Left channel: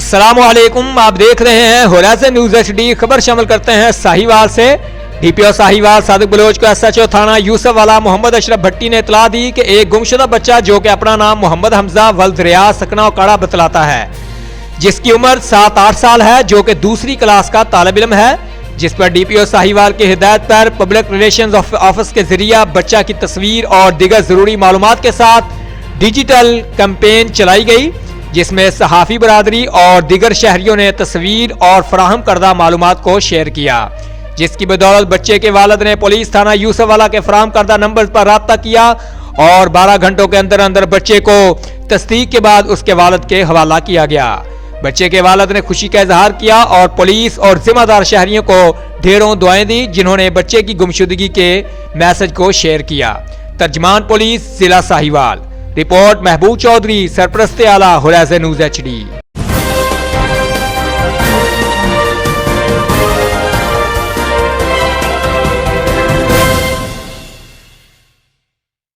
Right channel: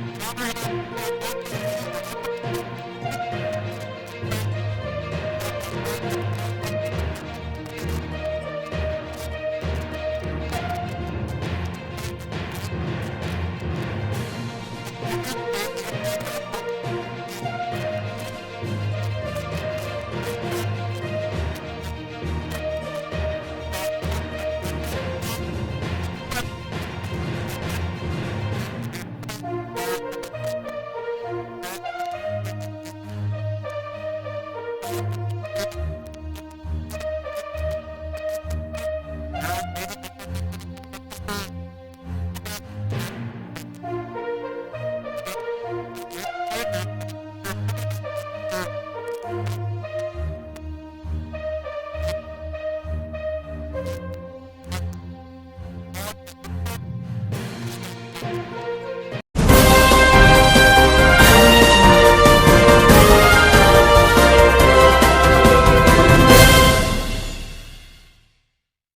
السلام علیکم، آپ دیکھ رہے ہیں ہورائزن نیوز ایچ ڈی۔ خبر شامل کرتے ہیں ساہیوال سے۔ ڈی پی او ساہیوال صادق بلوچ کو ایس ایچ او تھانہ یوسف والا محمد اشرف بھٹی نے اطلاع دی کہ ایک گمشدہ بچہ جو کہ اپنا نام محمد حمزہ ولد ریاض سکنہ اکاڑا بتلاتا ہے، جس کی عمر 7-8 سال ہے، جو کہ دوسری کلاس کا طالب علم ہے، جس پر ڈی پی او ساہیوال کی ہدایت پر پبلک ریلیشنز آفس کے ذریعہ بچہ کی تصویر اور دیگر ضروری معلومات کے ساتھ ڈیجیٹل کیمپین چلائی گئی، جس میں صحافی برادری اور دیگر شہریوں نے تصویر اور فراہم کردہ معلومات کو شیئر کیا، جس کی بدولت بچے کے والد نے پولیس تھانہ یوسف والا کے فراہم کردہ نمبر پر رابطہ کیا اور 12 گھنٹوں کے اندر اندر بچے کو تصدیق کے بعد اس کے والد کے حوالہ کیا گیا۔ بچے کے والد نے خوشی کا اظہار کیا اور پولیس اور ذمہ دار شہریوں کو ڈھیروں دعائیں دی، جنہوں نے بچے کی گمشدگی کے میسج کو شیئر کیا۔ ترجمان پولیس ضلع ساہیوال۔ رپورٹ محبوب چودھری، سرپرست اعلیٰ ہورائزن نیوز ایچ ڈی۔